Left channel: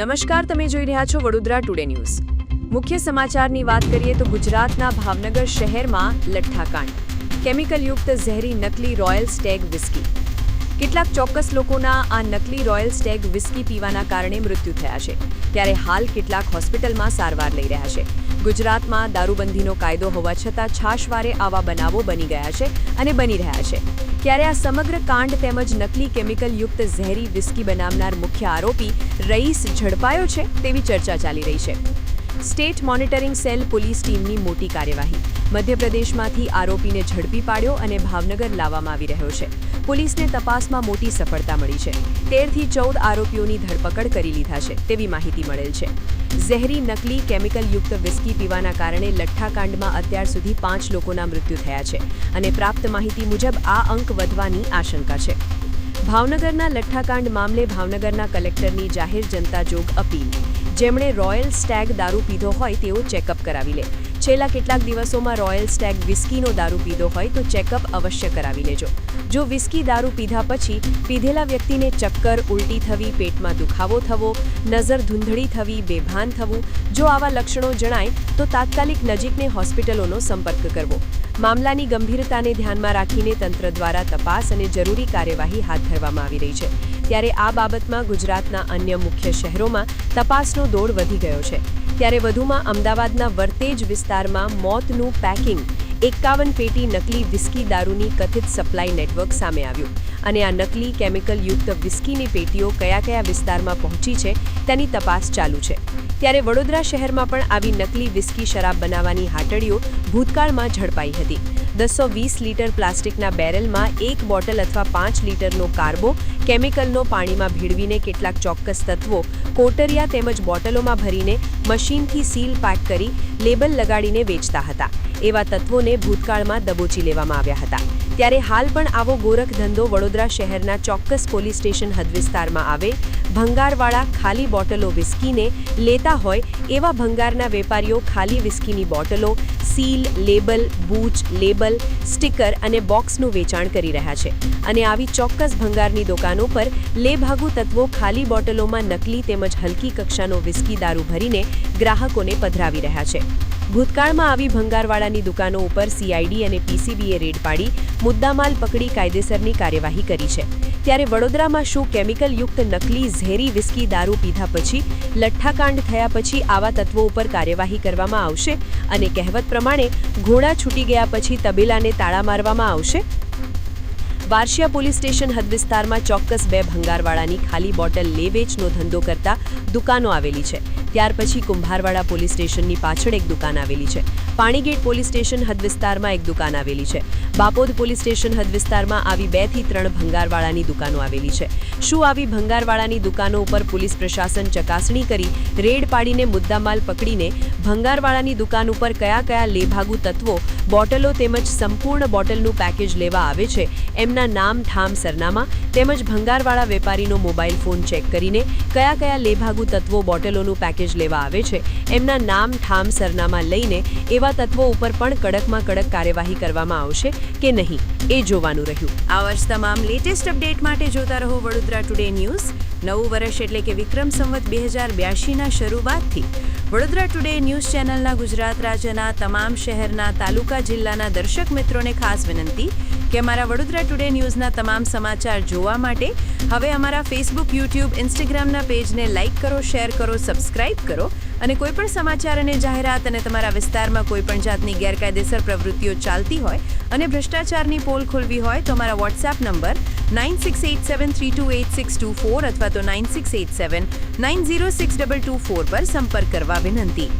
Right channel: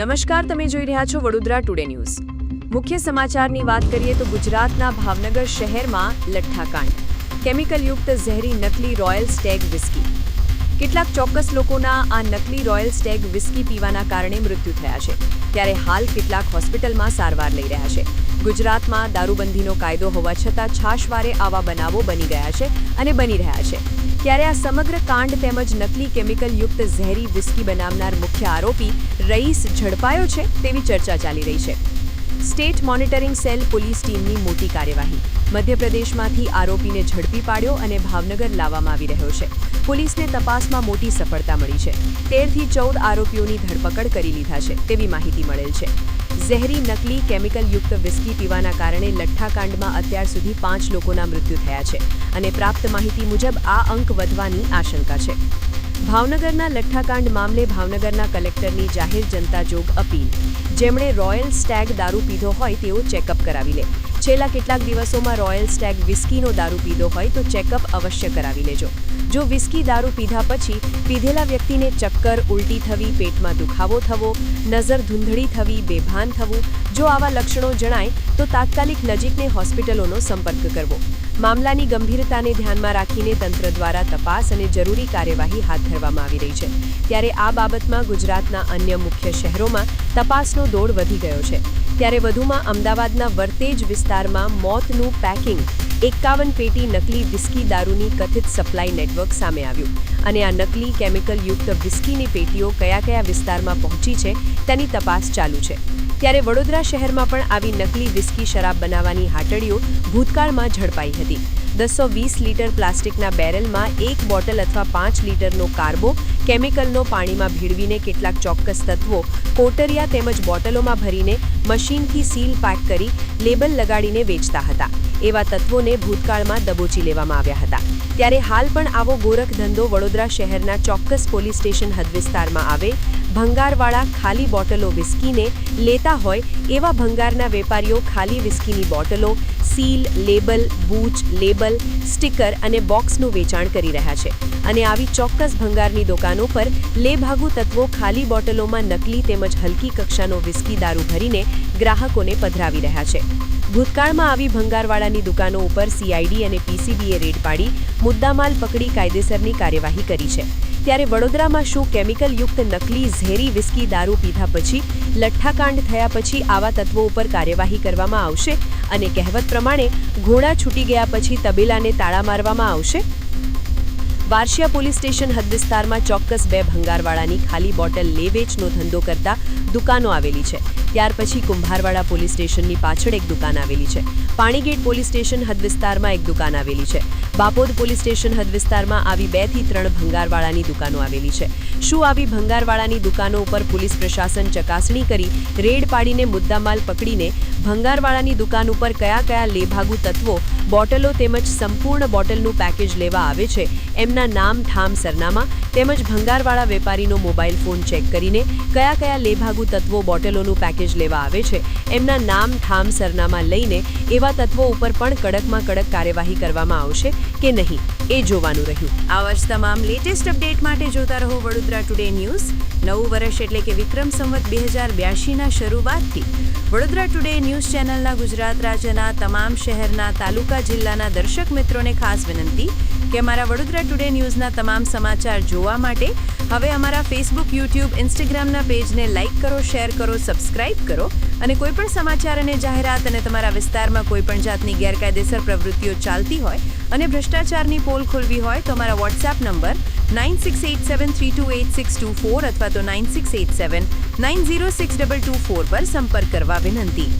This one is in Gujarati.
નમસ્કાર, તમે જોઈ રહ્યા છો વડોદરા ટુડે ન્યૂઝ. મુખ્ય સમાચારની વાત કરીએ તો ગુજરાતના ભાવનગર શહેરમાં લઠ્ઠાકાંડ. કેમિકલયુક્ત ઝેરી નકલી રોયલ સ્ટેગ વિસ્કી. કેટલાક ચોક્કસ લોકોના આ નકલી રોયલ સ્ટેગ વિસ્કી પીવાના કારણે મૃત્યુ થયા છે, ત્યારે હાલ કેટલાક હોસ્પિટલમાં સારવાર લઈ રહ્યા છે. ગુજરાતમાં દારૂબંધીનો કાયદો હોવા છતાં છાશવારે આવા બનાવો બની ગયા છે અને બની રહ્યા છે. ત્યારે આ સમગ્ર કાંડ તેમજ નકલી કેમિકલયુક્ત ઝેરી વિસ્કી બનાવનાર મુખ્ય આરોપી રઈસ ઝડપાયો છે તેવી ચર્ચા ચાલી રહી છે. સ્ટેટ મોનિટરિંગ સેલ પોલીસ ટીમની મોટી કાર્યવાહી. મધ્યપ્રદેશમાંથી આરોપીને ઝડપી પાડ્યો અને ભાવનગર લાવવામાં આવી રહ્યો છે. પોલીસને તપાસમાં મોટી સફળતા મળી છે. 13થી 14 આરોપીઓની ધરપકડ કરી લીધા છે તેવી માહિતી મળેલ છે. ઝેરી નકલી કેમિકલયુક્ત વિસ્કી પીવાના કારણે લઠ્ઠાકાંડમાં અત્યાર સુધી 5 લોકોના મૃત્યુ થયા છે અને પ્રાપ્ત માહિતી મુજબ આ અંક વધવાની આશંકા છે. ભાવનગરના લઠ્ઠાકાંડ મામલે ભાવનગરના કલેક્ટરની જાહેર જનતા જોગ અપીલ. જેમણે રોયલ સ્ટેગ દારૂ પીધો હોય તેઓ ચેકઅપ કરાવી લે. છેલ્લા કેટલાક દિવસોમાં રોયલ સ્ટેગ વિસ્કીનો દારૂ પીધો હોય તો ચેકઅપ અવશ્ય કરાવી લેજો. જો વિસ્કી દારૂ પીધા પછી પીધેલા વ્યક્તિને ચક્કર, ઉલટી થવી, પેટમાં દુખાવો થવો, નજર ધૂંધળી થવી, બેભાન થવું, જો આવા લક્ષણો જણાય તો તાત્કાલિક નજીકની હોસ્પિટલોનો સંપર્ક કરવો. મામલાની ગંભીરતાને ધ્યાનમાં રાખીને તંત્ર દ્વારા તપાસ અને જરૂરી કાર્યવાહી હાથ ધરવામાં આવી રહી છે. ત્યારે આ બાબતમાં ગુજરાતના અન્ય મુખ્ય શહેરોમાં તપાસનો દોર વધી ગયો છે. ત્યારે વધુમાં અમદાવાદના વર્તેજ વિસ્તારમાં મોતનું પેકિંગ 51 પેટી નકલી વિસ્કી દારૂની કથિત સપ્લાય નેટવર્ક સામે આવ્યું અને આ નકલી કેમિકલયુક્ત વિસ્કીની પેટીઓ કયા વિસ્તારમાં પહોંચી છે તેની તપાસ ચાલુ છે. ત્યારે વડોદરા શહેરમાં પણ આવી નકલી વિસ્કી શરાબ બનાવવાની હાટડીઓ ભૂતકાળમાં ઝડપાઈ હતી. 220 લીટર પ્લાસ્ટિકના બેરલમાં 1 બોટલ અથવા 5 લીટરનો કાર્બો કેમિકલનો પાણીમાં ભેળવીને કેટલાક ચોક્કસ તત્વો કોટરિયા તેમજ બોટલોમાં ભરીને મશીનથી સીલ પેક કરી લેબલ લગાડીને વેચતા હતા. એવા તત્વોને ભૂતકાળમાં દબોચી લેવામાં આવ્યા હતા. ત્યારે હાલ પણ આવો ગોરખ ધંધો વડોદરા શહેરના ચોક્કસ પોલીસ સ્ટેશન હદ વિસ્તારમાં આવે ભંગારવાળા ખાલી બોટલો વિસ્કીને લેતા હોય એવા ભંગારના વેપારીઓ ખાલી વિસ્કીની બોટલો, સીલ, લેબલ, બૂચ, લેબલ, સ્ટીકર અને બોક્સનું વેચાણ કરી રહ્યા છે અને આવી ચોક્કસ ભંગારની દુકાનો પર લેભાગુ તત્વો ખાલી બોટલોમાં નકલી તેમજ હલકી કક્ષાનો વિસ્કી દારૂ ભરીને ગ્રાહકોને પધરાવી રહ્યા છે. ભૂતકાળમાં આવી ભંગારવાળાની દુકાનો ઉપર CID અને PCBએ રેડ પાડી મુદ્દામાલ પકડી કાયદેસરની કાર્યવાહી કરી છે. ત્યારે વડોદરામાં શું કેમિકલયુક્ત નકલી ઝેરી વિસ્કી દારૂ પીધા પછી લઠ્ઠાકાંડ થયા પછી આવા તત્વો ઉપર કાર્યવાહી કરવામાં આવશે અને કહેવત પ્રમાણે ઘોડા છૂટી ગયા પછી તબેલાને તાળા મારવામાં આવશે? વારશિયા પોલીસ સ્ટેશન હદ વિસ્તારમાં ચોક્કસ 2 ભંગારવાળાની ખાલી બોટલ લે-વેચનો ધંધો કરતા દુકાનો આવેલી છે. ત્યાર પછી કુંભારવાડા પોલીસ સ્ટેશનની પાછળ એક દુકાન આવેલી છે. પાણીગેટ પોલીસ સ્ટેશન હદ વિસ્તારમાં એક દુકાન આવેલી છે. બાપોદ પોલીસ સ્ટેશન હદ વિસ્તારમાં આવી 2 થી 3 ભંગારવાળાની દુકાનો આવેલી છે. શું આવી ભંગારવાળાની દુકાનો ઉપર પોલીસ પ્રશાસન ચકાસણી કરી રેડ પાડીને મુદ્દામાલ પકડીને ભંગારવાળાની દુકાન ઉપર કયા લેભાગુ તત્વો બોટલો તેમજ સંપૂર્ણ બોટલનું પેકેજ લેવા આવે છે એમના નામ, ઠામ, સરનામા તેમજ ભંગારવાળા વેપારીનો મોબાઈલ ફોન ચેક કરીને કયા લેભાગુ તત્વો બોટલોનું પેકેજ લેવા આવે છે એમના નામ, ઠામ, સરનામા લઈને એવા તત્વો ઉપર પણ કડકમાં કડક કાર્યવાહી કરવામાં આવશે કે નહીં એ જોવાનું રહ્યું. આવા જ તમામ લેટેસ્ટ અપડેટ માટે જોતા રહો વડોદરા ટુડે ન્યૂઝ. નવું વર્ષ એટલે કે વિક્રમ સંવત 2082ના શરૂઆતથી વડોદરા ટુડે ન્યૂઝ ચેનલના ગુજરાત રાજ્યના તમામ શહેરના, તાલુકા, જિલ્લાના દર્શક મિત્રોને ખાસ વિનંતી કે અમારા વડોદરા ટુડે ન્યૂઝના તમામ સમાચાર જોવા માટે હવે અમારા ફેસબુક, યુટ્યુબ, ઇન્સ્ટાગ્રામના પેજને લાઇક કરો, શેર કરો, સબસ્ક્રાઇબ કરો અને કોઈપણ સમાચાર અને જાહેરાત અને તમારા વિસ્તારમાં કોઈપણ જાતની ગેરકાયદેસર પ્રવૃત્તિઓ ચાલતી હોય અને ભ્રષ્ટાચારની પોલ ખોલવી હોય તો અમારા વોટ્સએપ નંબર 9687328624 અથવા તો 9687906224 પર સંપર્ક કરવા વિનંતી.